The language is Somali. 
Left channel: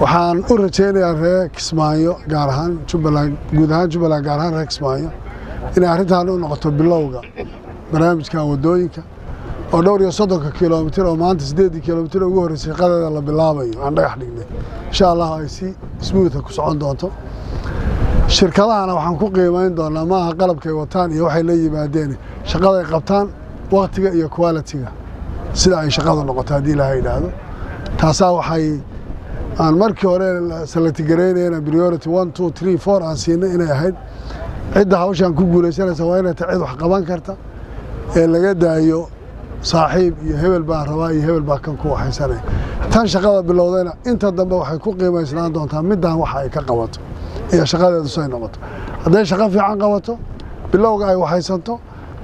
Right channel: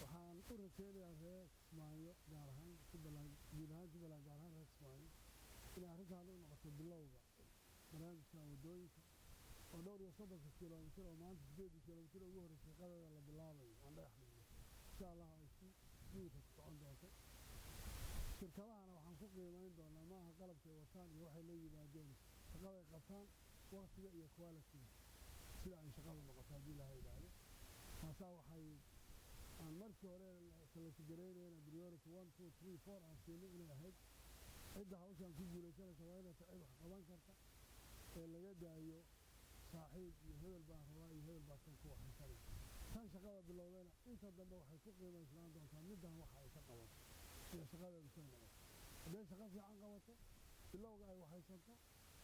waxaan u rajaynayaa reer Kismaayo gaar ahaan Jubbaland guud ahaan Jubbaland gaar ahaan reer Kismaayo inay arrintan u noqoto bilowga barnaamijka wadooyinka oo dhowr iyo 30 kiiloomitir oo maanta 8 kiiloomitir ugu horeysay qadada la bilaabayo aan dhagax dhignay insha Allah ay si smooth ku socon doonto shirkadahana waxaan ku qiimeyn doonaa maaha qalabkay wataan iyo waxay la yimaadeen shaqada ay qabtaan waqtiga iyo quality-ga sida ay shaqadu noqoto hadii la yiraahdo taasaa waxay aan markii hore select gareynayna priority 1 2 3 4 aan siinay inay ahayd cidda hawshan ku guuleysanaysa waa inay cid wax qaban karta ee laga daayo saaxiib iyo hebel baa rabaa iyo hebel baa kan ku waxaysanay tan shaqada bilowdayna inta dambe waxay ku qiimeysnaan doontaa midaan waxa ay ka qabato iyo shaqadeedu soo noqoto haday shaqo fiican qabato bilowga ay waxaysanto